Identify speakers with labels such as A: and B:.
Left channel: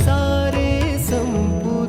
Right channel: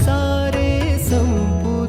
A: सारे संपूर्ण